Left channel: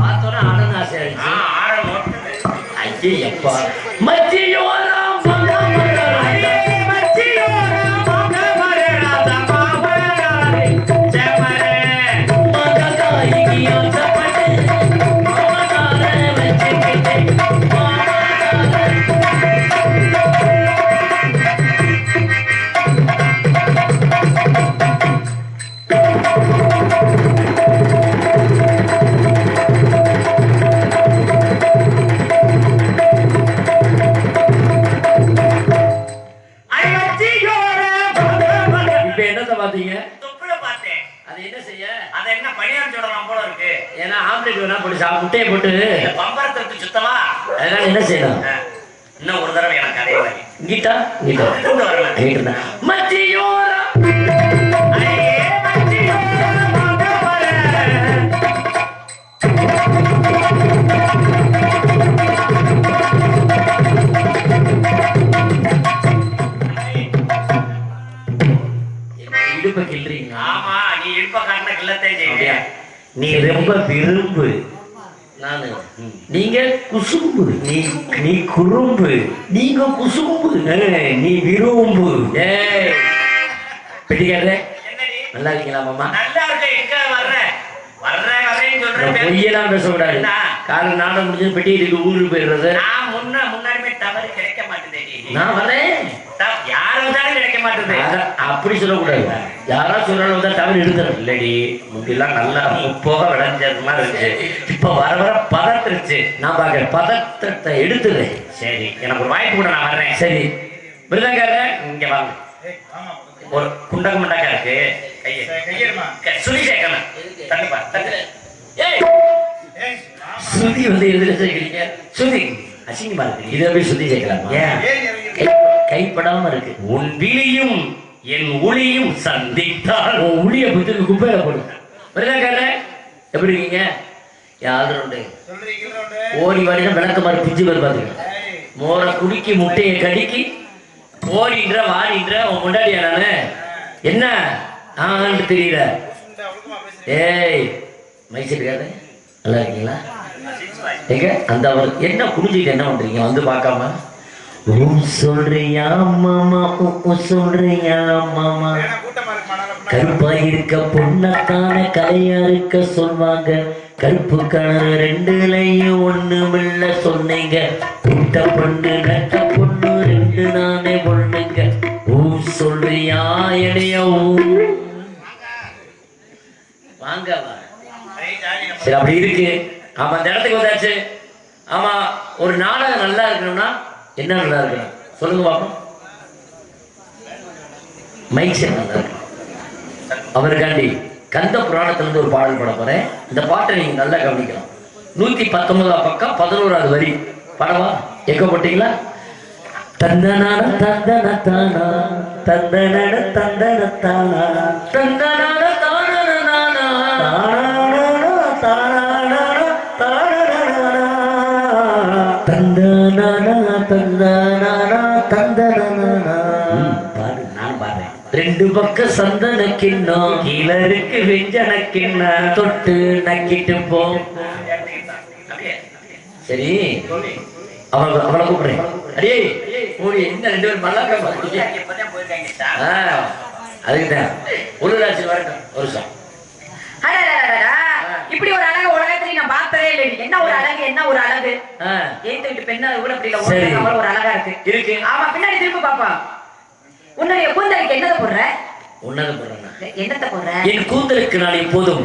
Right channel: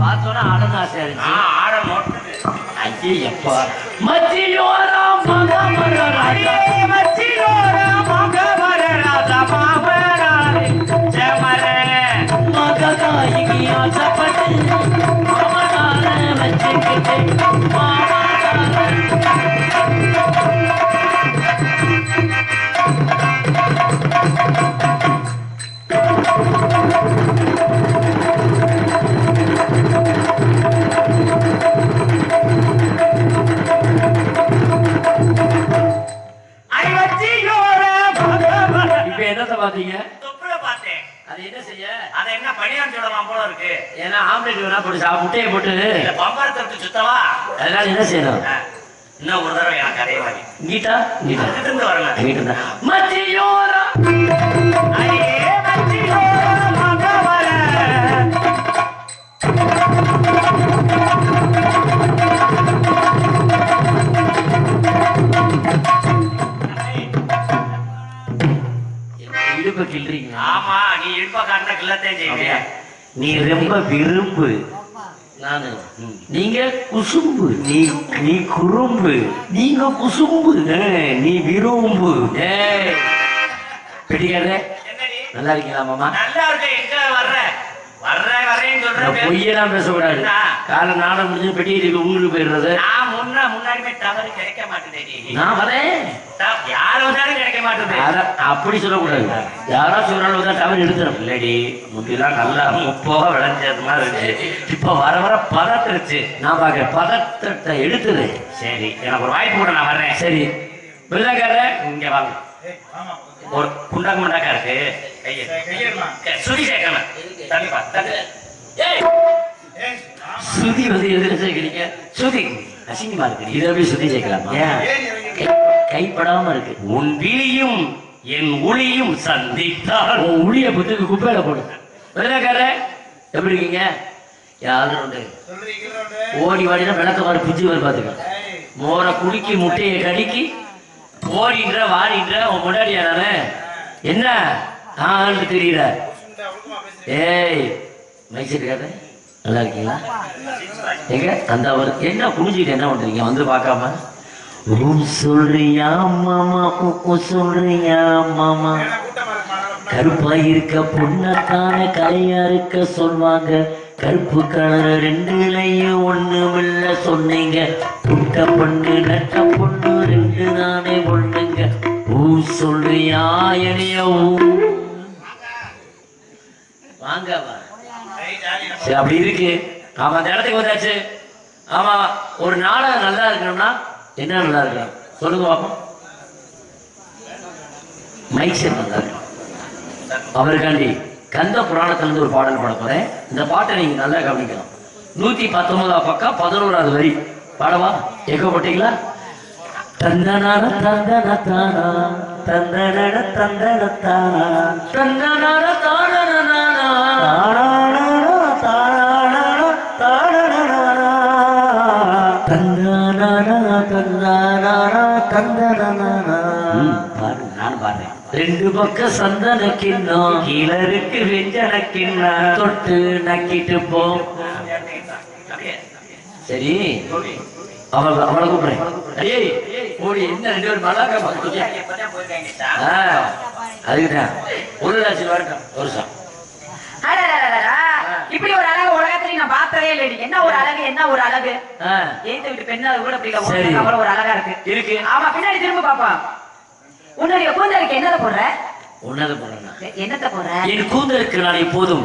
பார்த்தோன்னா ஆடணும் ஆசை ஆயிடுச்சு. ஐயே எப்பா மச்சியோரா முட்டையை போட்டு பம்பரத்துக்கு சுத்தவா அதனால என்ன செய்யணும் இன்னும் ஒரு தடவை எனக்கு அதே வாங்கி கீட்டா வரல மச்சியோரா இடுப்ப கிள்றீங்க. ஆமா நீ இடுப்ப காட்டின கிள்ளத்தை செய்ய நீ ரொம்ப விரும்பு நானு நீங்க குசும்பு நீ குறும்பு நீங்க குசும்பு நீ விரும்பு பிடிக்காத நல்லா இருக்கீங்களா மாமா? நல்லா இருக்க. எங்க வர்றேன்னு சொல்றேன் பொய்யெல்லாம் பேசக்கூடாது. காலம் நாளை முடிஞ்சு பெட்டிட்டு ஊருக்கு போயிடுறது. நான் முன்னாடிமே தவறு கிடைக்க மாட்டேன். நான் வரேன் யார் வந்தாலும் கிடைக்க மாட்டேன் அப்படி சொல்லக்கூடாது. யாரா சொன்னாலும் தான் தவறு எடுத்துடும் இல்லடி. முட்டிலாம் நல்லா முப்போக விளைஞ்சது மாதிரி இருக்கு. இப்ப வர பதத்துருச்சு. நான் பாக்குறேன் பதத்தை எடுத்துது. சரி எனக்கு ஒரு வாய்ப்பு கூட நான் வர்றேன். சரி விருதாக்கார இங்க வாங்க. ஒரு குண்டாக்க முண்டாக்கா இருக்கு சுதி சேர்க்கணும். தள்ளிப்பா சுதி வந்து எதுல சேர்க்கிறீங்க? சுதி அசிங்கமா இருக்கு. இதை போய் சுத்தி சேர்க்கலாமா? கைப்படாம இருக்கு. உன் விழியும் என் ஒளியும் சந்தித்தால் உன் ஒளிய புத்துக்கு குப்பையில போடுங்க. விருதாக்கார எப்படி இருக்கீங்க? யாரு ஓடி வாடினா விளக்க மாதிரி பிஞ்சு மாதிரி பாத்துக்க. மோரை குடிக்கி முட்டையை கடிக்கி ஓடின்ற வாடின்ற உன் முன்னாடியா நானு என்ன ஆண்டு தெரியல. ஏய் மைசிருக்காரு நல்லா இருக்கீங்களா? எங்க அந்த அவர் என்ன குடிச்சிட்டு என்ன பண்றீங்க வந்து பார்க்காம? சொல்றியா மாமா சொல்றியா மாமா? கருப்பா இருக்க பொண்ணத்தான கலையா இருக்க சொல்வாங்க. கருப்பு கலர் ரெண்டுலையும் ஒண்ணுமில்ல சொன்னீங்க. புட்ட பொண்ணு நட்ட பொண்ணு ரெண்டு நானே பொண்ணுங்க. சொல்றியா எனைய வாங்க சரி அப்படி இருக்கு. ஆமா அந்த இடத்துக்கு வந்தாச்சு. ஆமா ஒரு நாடகம் நல்லா இருக்கணும்னா என்ன நல்லா இருக்கலாம் சொல்லுங்க பாப்போம். மைக் செட் நல்லா இருக்கு. அவருக்காண்டி கந்த புராணத்திலிருந்து ஒரு பாடல் பாட போறேன். இந்த பாட்டை நீங்க நல்லா கவனிக்கலாம். 119 பக்கம் 11வது வரி பாடவா? எங்க போட்டீங்களா? தந்தனான தந்தன தானா தந்தன தந்தன தானா தந்தனான தானா ரெண்டு பக்கம் சந்தன கிண்ணம் கீழருக்கு வெஞ்சன கிண்ணம் தொட்டு நக்கிட்டு போ. சரி அவளை கூப்பிடுறேன். அடியே ஓடி என்ன ரெண்டு பேரும் மல்லாக்கா அதுக்குதான் ஒரு லட்சம் வரட்டும் ஒரு சார். இப்படி ஒரு அழகு உலகத்துல நான் பார்த்ததே இல்லை. என்ன ஒரு அழகு என்ன ஒரு அழகு. ஏத்த விட்டு பெண்ணா கூட அப்படி ஒரு அழகா இருக்கு. ஆமா பின்னாடி திரும்ப பாப்பா. உன்னுடைய கூந்தலுக்கு என்னத போடுற? உன்னத போடுறேன்னா என்னத்த போடுற? என் கூந்தலுக்கு நான் எப்போதும்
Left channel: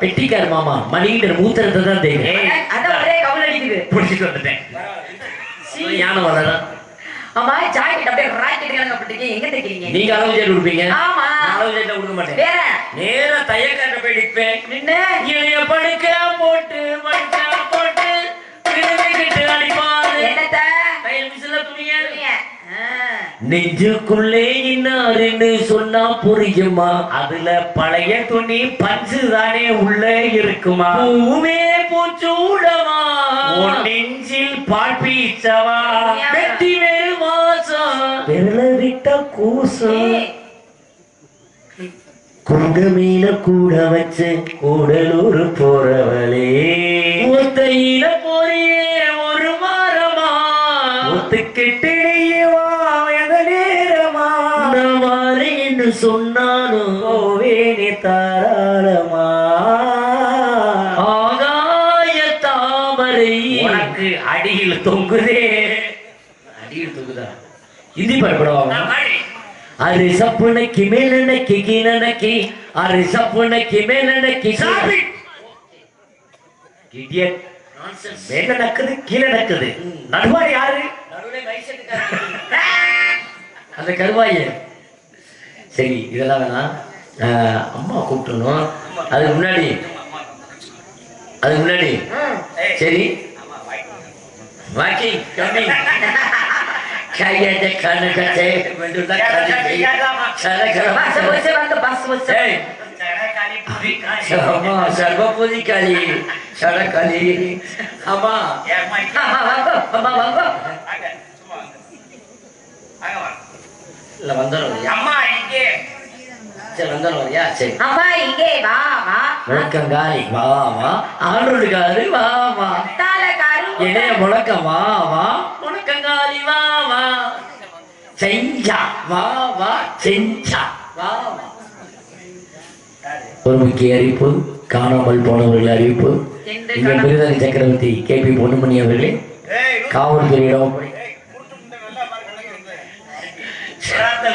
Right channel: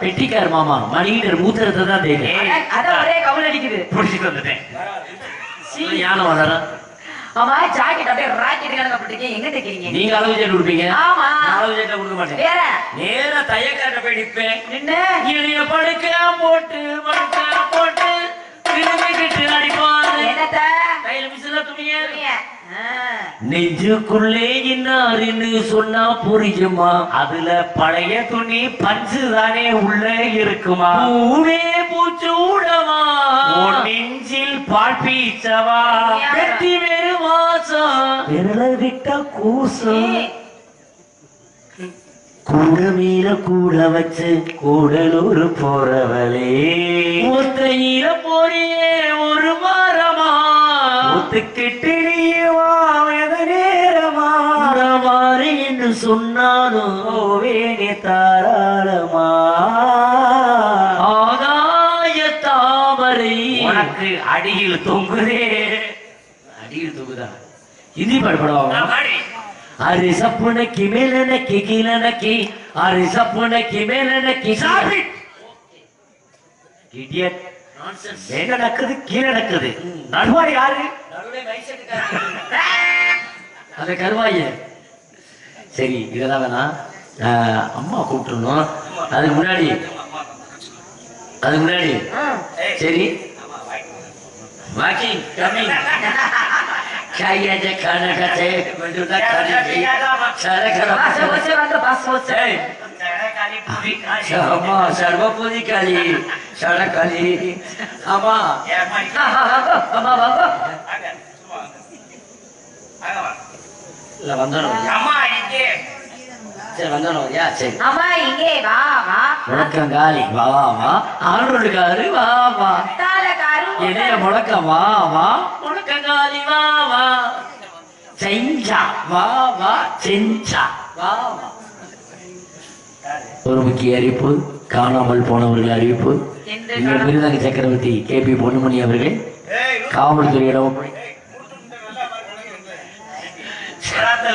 பெட்டிக்கார மாமா மணிகிட்ட மூத்திரத்தை தான் தெரியும். அதான் ஒரே கவுல் அடிக்குது. புடிச்சிட்டு வந்துட்டேன். யானை வளரா. ஆமா ஜாக்கெட் அப்படியே ராக்கெட் கலங்க போட்டுருக்கீங்க. எங்க தைக்கிறீங்க? நீங்க அளவு ஜெட் கொடுப்பீங்க. ஆமா அளவு ஜெட் கொடுக்க மாட்டேன். வேற நேரா தையக்காட்ட போய் நிப்பேன். நின்னு இளைய படுக்கலாம் போட்டு மடுக்கலாம் போட்டு கிட்டு அடிப்பாரு. என்னத்த தையல் மிஷின்ல துணிய நெஞ்சுக்குள்ளே இன்னாருன்னு சொன்னா புரியுமா? அதுல பழைய துணி பஞ்சு தானே உள்ள இருக்குமா? பூவே பூச்சூடவா நெஞ்சில் பால் பீச்சவா வெட்டி வேறு மாசம் விரல விட்ட கூசம் குண்டு மீன கூட வச்சு கூடலூர் போறவளே ஒத்தையில போறியே ஒரு வாரமா ஒத்துக்கிட்டு நேரமா வாரேன்னு சொன்னாலும் வேணி தாராளமா ஆகாய தாமரை உனக்கு அடியில் தொங்குதே அடியில் தொங்குதா ஹிந்தி பாடுபடும் அரை சப்புனைக்கு மேலனைக்கு கீழனைக்கு அரை சப்புனைக்கு மேலனைக்கு மேல நக்குது கீழே நக்குது நடுவாரி யாரு அந்த கருவாய சரி இதெல்லாம் வேணாம் அம்மா கூப்பிட்டுணும் அதுக்கு முன்னாடி சரி வாக்கிங் கம்மிங் சர்வபூதி காளி சடகாளி ஆமா இல்ல வந்தோம் சரி வந்தோம் சரி அம்மா இங்கே வா வா முழக்கங்காலி வா வா ஆண்டோடுகாரு வா வா தாளகாரு இளைய முழக்கம் வா வா முழக்கங்காலி வா வா செஞ்சா வா வா செஞ்சா வா வா ஒரு முக்கிய அறிவிப்பு காணாமல் போனவர்கள் அறிவிப்பு எங்கள் விருதாதி சக்கரவர்த்தி KP பொன்னுமணி அவர்களே காவல்துறையிடம்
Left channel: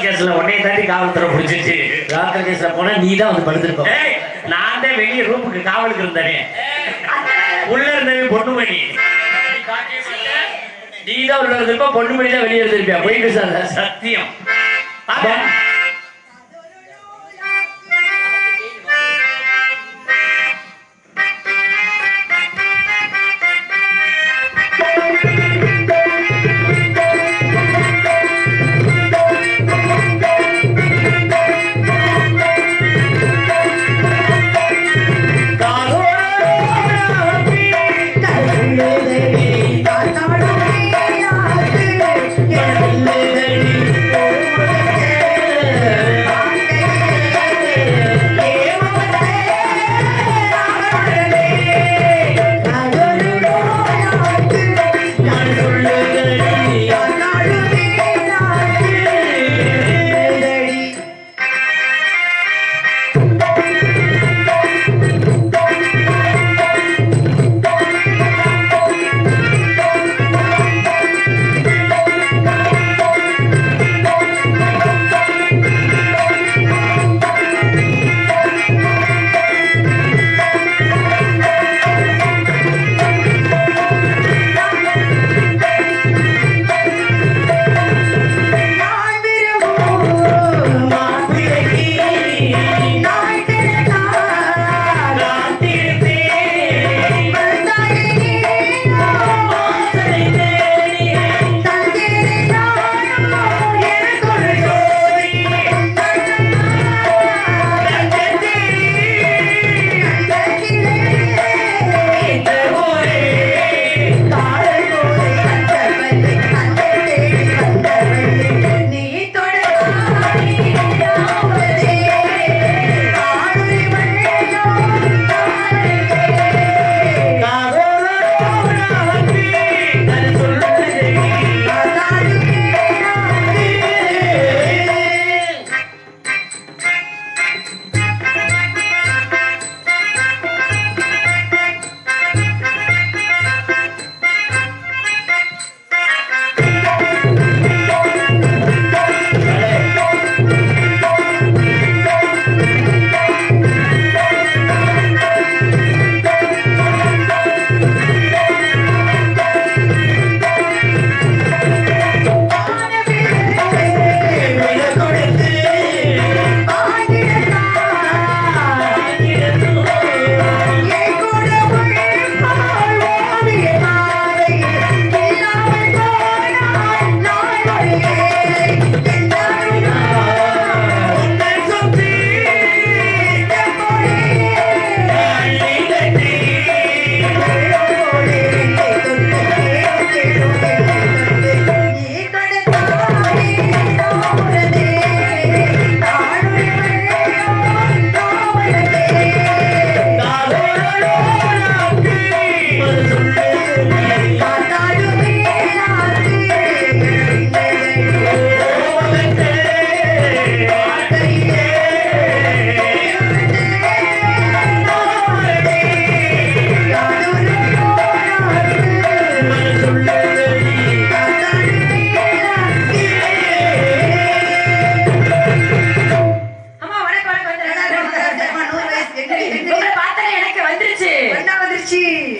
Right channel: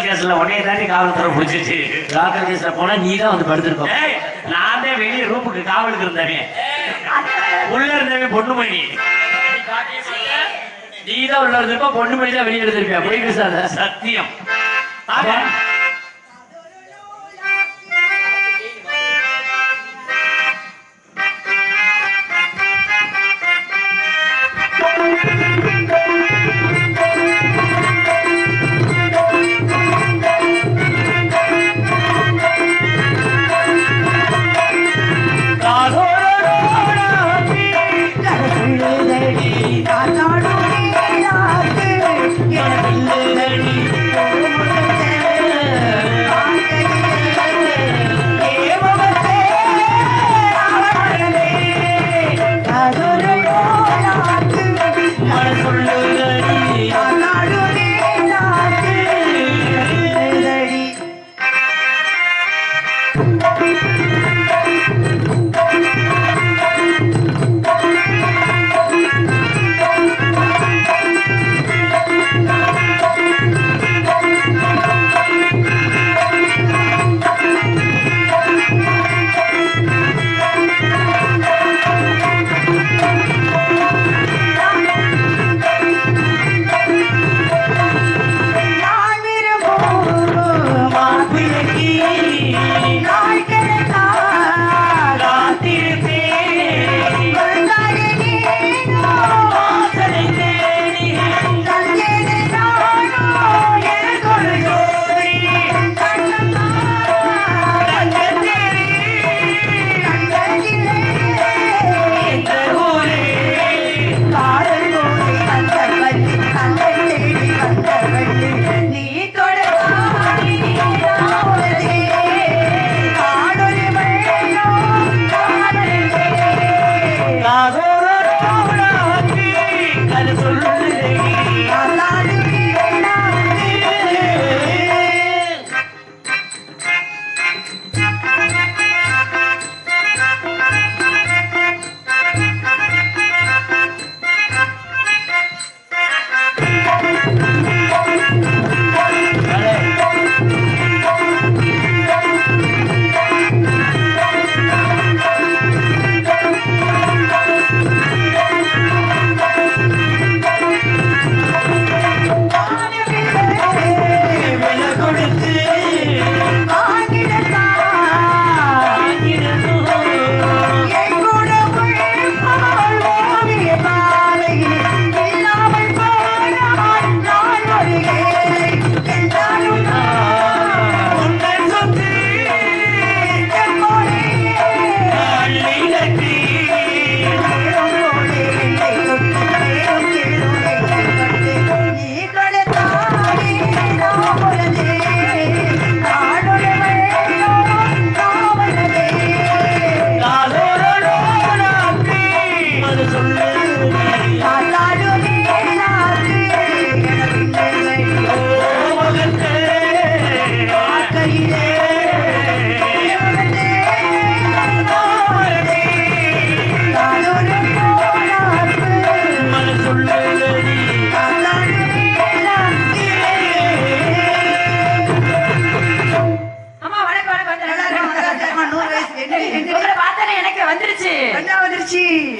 கேஸ்ல உடனே தாண்டி காவல்துறை பிடிச்சிருச்சு ராக்கல் கேஸ்ல போனா நீ தான் வந்து படுத்திருப்ப நான் தான் வெளியே ரூமுக்கு காவலுக்கு இருந்தேனே உள்ள இருந்தவே பொண்ணுமணி நீ தான் உள்ள இருந்திருப்ப பொண்ணுமணி தான் வெளியே இருந்திருப்பியா போய் பேசாத சத்தியம்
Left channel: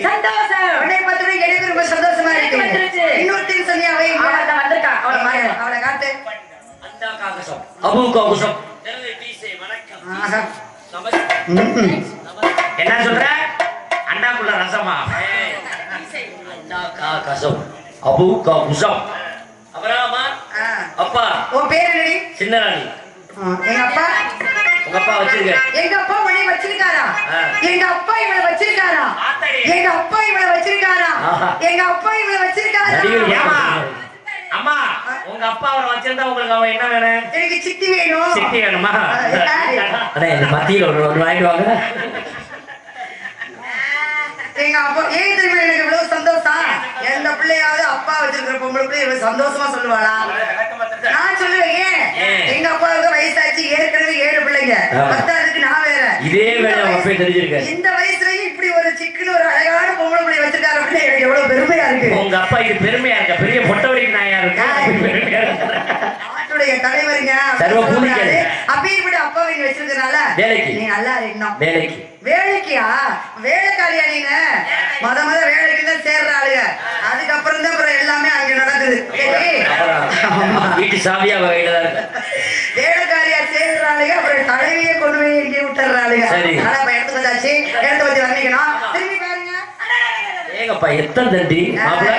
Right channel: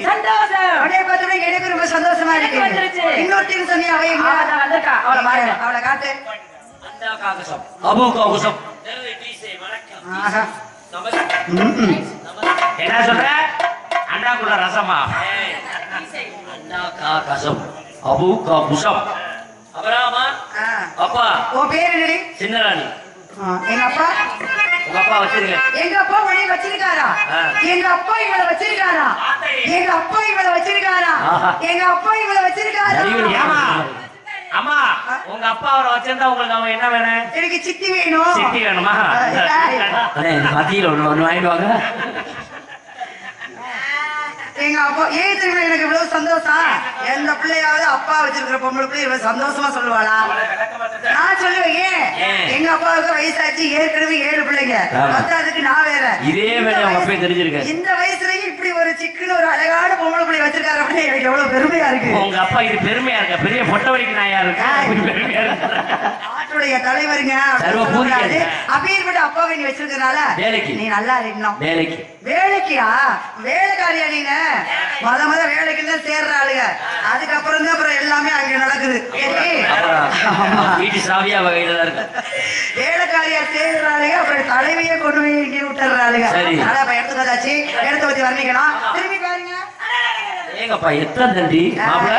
சந்தோஷம். உன்னை பார்த்தோன்னே எனக்கு ரொம்ப சந்தோஷமா இருக்கு. இன்னொருத்தையும் சொன்னியா அவை வந்திருக்கா அவளை காட்டு. அபு காகுசம் என்ன சொல்ற? அண்டாக்குள்ள ரசமா? அண்டா காகசம் அபு காகுசம். அபராமா அப்பா உன் பேர் என்னடி? சின்னராணி. எங்க அப்பா உங்க அப்பா வச்சிருக்க? எங்க அப்பா உன்னை வச்சிருக்காரா? எங்க அப்பா இவளை வச்சிருக்காரா? எங்க அப்பா இவளை வச்சிருக்காரா? எங்க அப்பா இவளை வச்சிருக்காரா? அம்மா உங்க அப்பா அவரை வச்சிருந்தா உங்களுக்கு அவன் என்ன வேணும்? எனக்கு சித்தி வேணும். சித்தி வேணுமா? அண்ணே இந்த மத்தியில் ஒன்று வாங்கிடுவாங்க. எங்க அப்பா ஏன் தெரியுமா எனக்கு இவ்வளவு சந்தோஷம்? எந்த பிள்ளையாவது அப்பா வச்சிருக்கிற பொம்பளை பிள்ளை இவ்வளவு சந்தோஷமா சொல்லுவாளா? நான் சொல்லுவேன் ஏன் எங்க அப்பாவுக்கு வயசாச்சு, ஏற்கனவே 7 பிள்ளைங்க, பத்தாவதுக்கு நான் வேற. இதே வேலை அப்பே தெரிஞ்சிருக்கேன். இந்த வயசுலயும் இப்படி ஒரு சிக்கன ஒரு அழகான பொம்பளை பிள்ளை வச்சிருக்காரு அப்படின்னு எனக்கு எவ்வளவு பெருமையா இருக்கு. உங்க அப்பா இது பெருமையா இருக்க? பெரிய பொட்டவழி நாயா இருக்கு. நாட்டுடைய தலைவருங்க அப்படி அப்பாவை நீ வச்சிருக்கனால நீ நல்லா இருக்கணும். வேலைக்கு வேலைக்கியா? வேலைக்காரியா நீங்க? மொத வேலைக்கு தான் சேர்றாளுங்க, அதுக்கப்புறம் தான் அப்புறம் எல்லாமே அங்க நடக்குது. வீட்டு சாவியா வகையில வேலைக்காரியா சேர்றாளுங்க, அப்புறம் தலைவியை கொண்டு போய் இங்கே விட்டுறாளுங்க. ஆனா எடுத்து வந்தாச்சு, எடுத்து வச்சு வர்ணிக்கணும். திரும்பி பாருங்க. ஏங்கப்பா எத்தனை தண்டி மாப்பிள்ள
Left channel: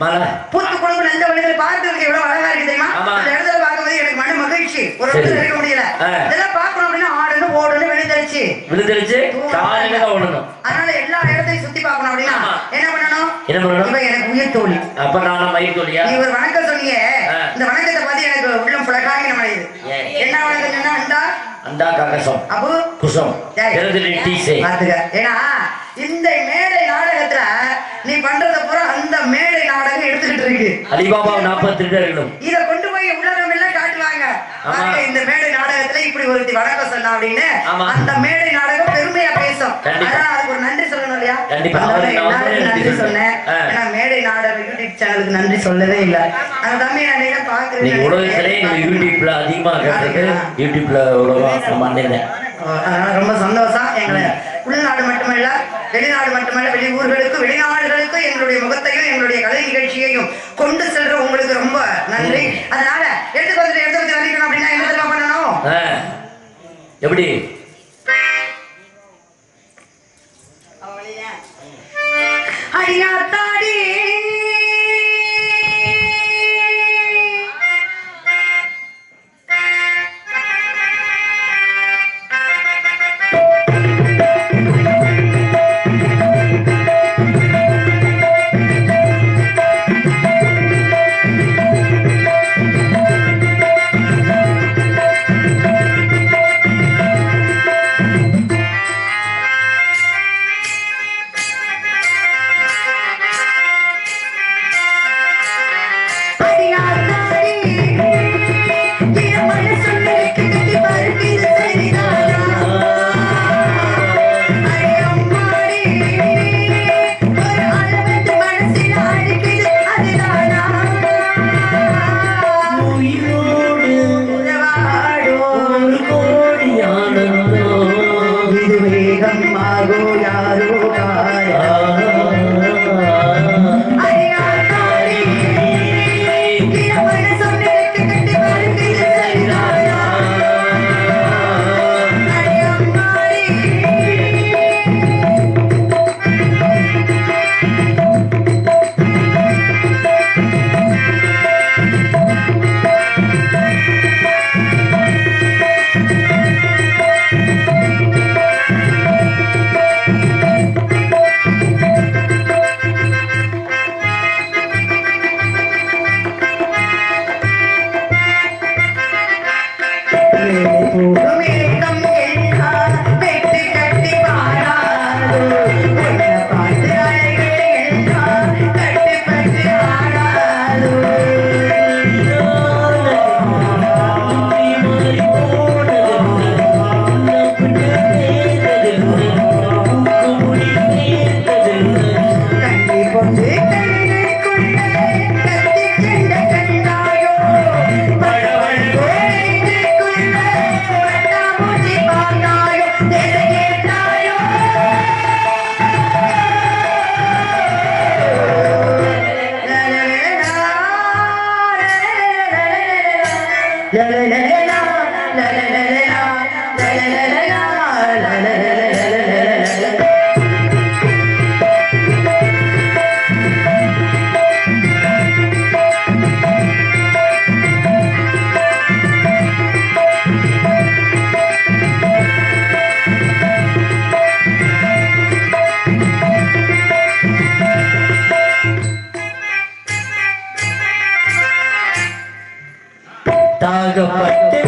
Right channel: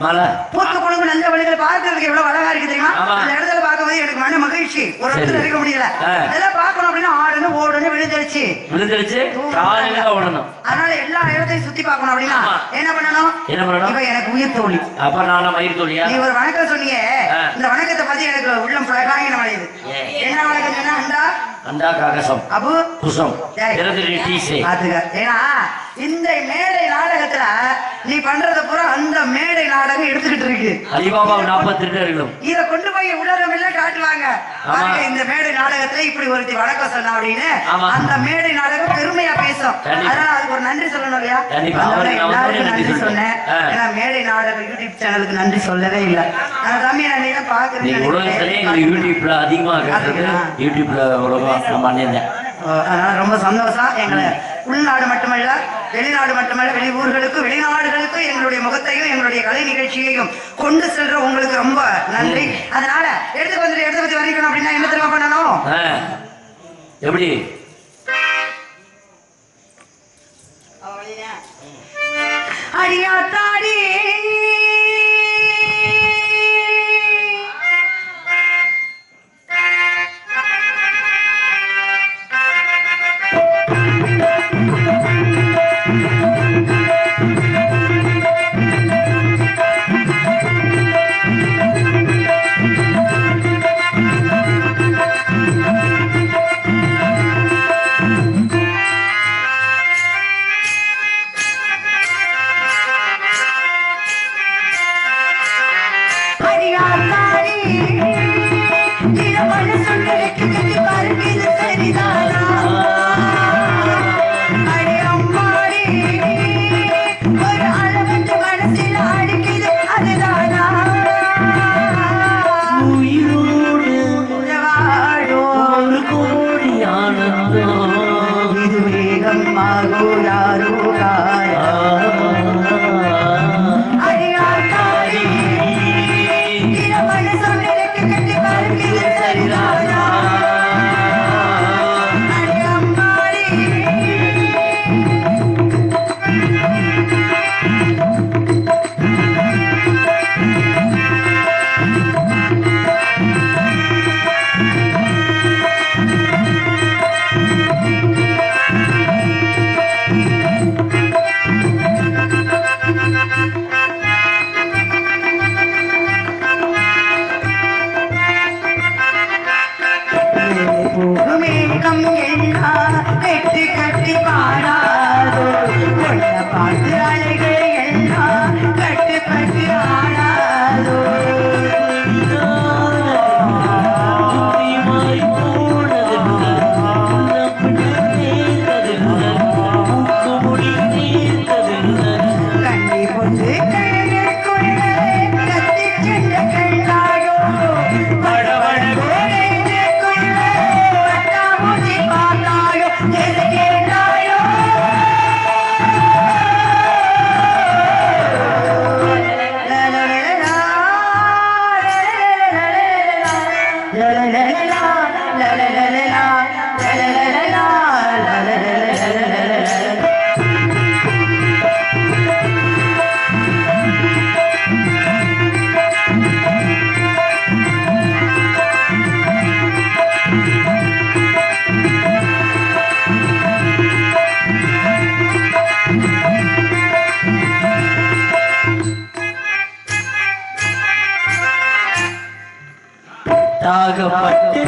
மலை பூத்து குழம்பு நல்ல வழியில பார்க்கறதுக்கு எவ்வளவு அழகா இருக்கு தெரியுமா? அந்த இடத்துல பார்க்கும்போது எனக்கு மன மகிழ்ச்சி. ஒரு இடத்துல இருக்க முடியல. இதெல்லாம் பார்க்கணும் அப்படின்னா ஆடணும் ஓடணும் விழுந்துருச்சு காலையில ஓடணும். அதனால எல்லா இடத்தையும் சுத்தி பார்க்கணும் அப்படின்னா என்ன பண்ணணும்? இவ எனக்கு உயிர் தோழி. அப்ப நானும் மயிர் தோழியா? நீ ஒரு வணக்கம் சொன்னீங்க, இந்த வணக்கத்தை பத்தி எனக்கு உள்ளம் புலகாங்கின மழையுது. என்ன வணக்கம் சொன்னா? அண்டா அண்டா காகசம் அபு குசம். ஏன்னா இந்த மேடை நாடகத்துல நீ பண்றத பூரா அந்த மேடை நாடகம் எடுத்துக்கிட்டு இருக்கு. அலிபாபா 42 இத கொண்டு போய் உலகம் எல்லாம் காட்டுவாங்க. இந்த மேடை நாடகத்துல இப்படி ஒருத்தி வணக்கம் சொன்னா அப்படின்னு அந்த மேடை நாடகம் பெருமையா பேசும். அதான் அதுக்கு ஒரு நன்றி சொல்லணும் இல்லையா? எல்லாருக்கும் நன்றி சொன்னேன். ஏன்னா மேடை நாடகம் யூடியூப் சேனலுக்கு நன்றி சொல்லவே இல்லை. அந்த தம்பி நான் பாக்குறேன் யூடியூப்ல அதிகமா யூடியூப்ல அதனால ரொம்ப சந்தோஷம். எங்களை உள்நாடு மட்டுமல்ல வெளிநாடு மட்டுமல்ல வெளி ஊர்களுக்கும் வெளிநாடுகளுக்கும் எங்களுடைய முகத்தையும் எங்களுடைய கலை நிகழ்ச்சியையும் கொண்டு செல்ற உங்களுக்கு ரொம்ப நன்றி. அதனால எடுத்து வந்து வரைக்கணும் அப்படின்னா என்ன தெரியுமா பண்ணணும்? எப்படி அடியாத்தாடி வாக்கப்பட்டு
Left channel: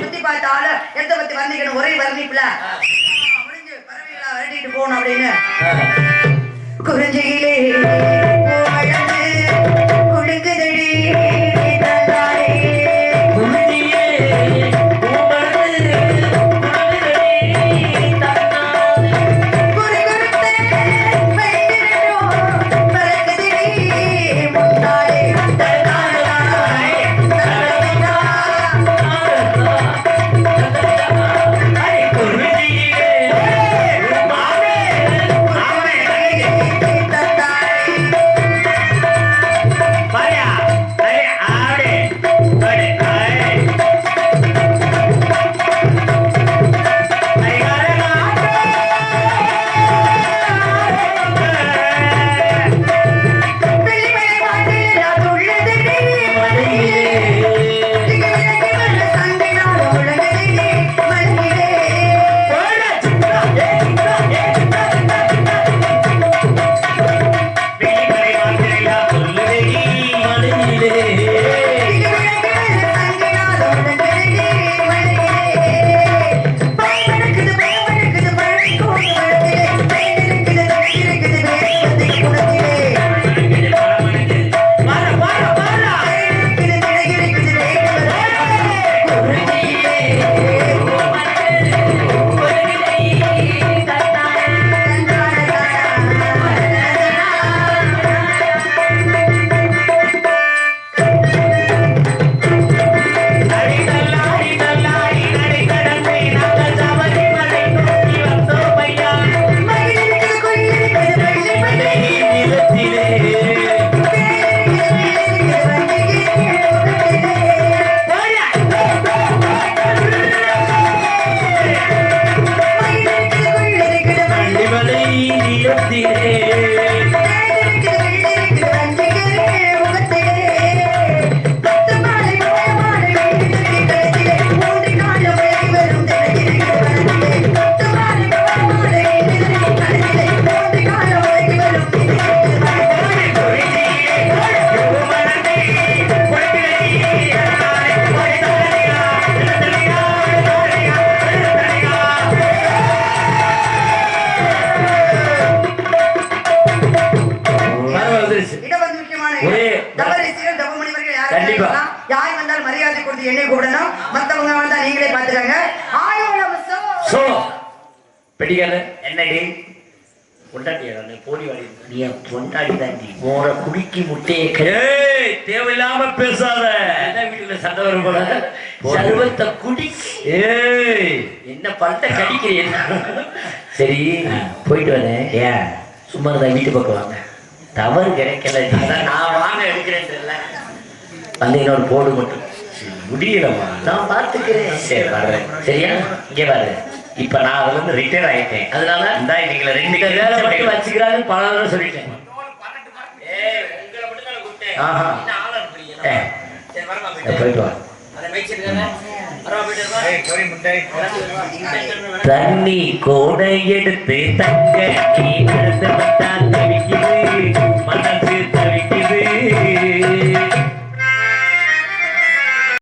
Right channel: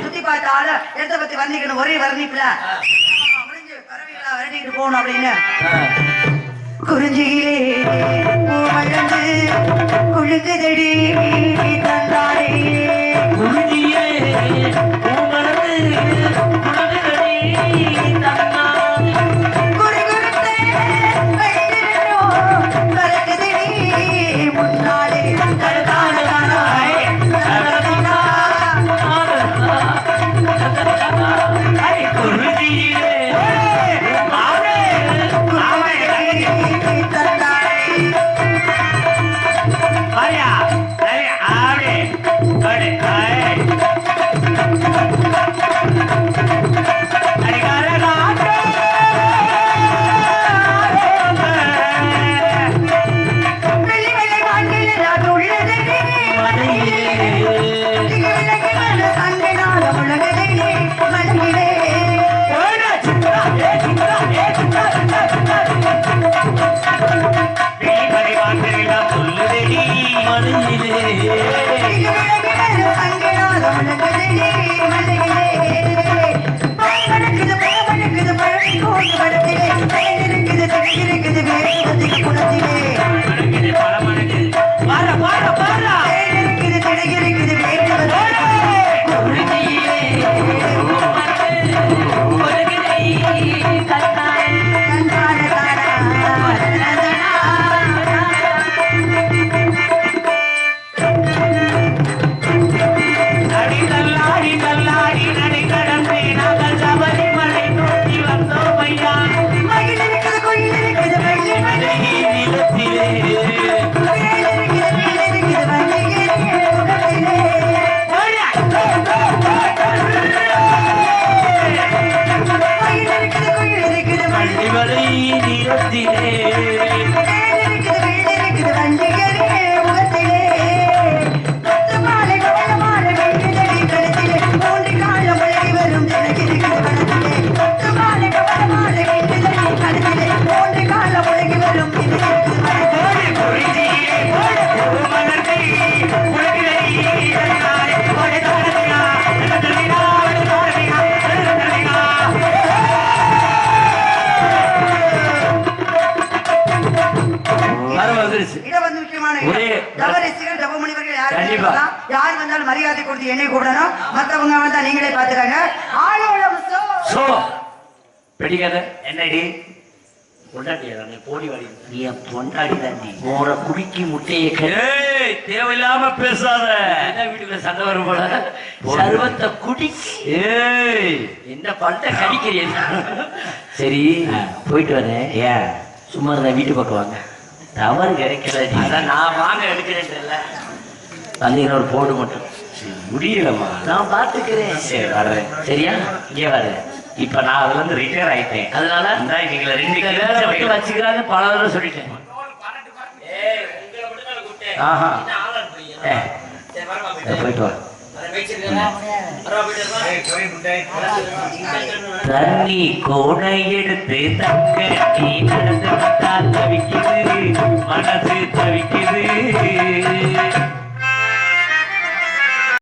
சுத்தி பார்த்தாலும் எந்த பத்தி வர்ணிக்கணும் ஒரே வர்ணிப்புல முடிஞ்சு பறவைகளா வரட்டிட்டு போகணும் அப்படின்னு குறிஞ்சியிலே குளிக்குதடி யார் வந்தாலும் மரியாதை கொடுத்து என்னை கூடணும் மத்தவங்க வந்தா நீங்களே பாத்துக்கங்க பெடிகால என்னடி பொண்டாட்டியா போடி வாடி நீ பொண்டாடி தாண்டி மோர குடிக்கி முட்டையை தேவையில்லாம பேசாத என்ன வீட்டுல சண்டை வரும் போல சர்வத்தை குடி என்ன பல்ட்ட கடிக்கிறீங்க சரி போயிட்டு வரேன் ஏன் சும்மா தான் வீட்டு பக்கம் வாங்க தவறு கிடைக்கல நான் வாங்க எடுக்கிறேன் தெரியல வந்தீங்கன்னா ஒரு போடு மட்டும் முடியலம்மா நான் பார்த்துக்கிறேன் சரி வரேன் சரியா இங்கே பாரு இப்ப நான் அதுல இருந்து ரிட்டையர் ஆயிட்டேன் அதனால இந்த நீங்க 2 வேலை வச்சுக்கிறாங்க பல தடவை சொல்லிட்டேன் போயிட்டு வா தண்ணி கோடை எடுத்து தங்க நீ நடந்து வந்தால் தெரிகிறது மன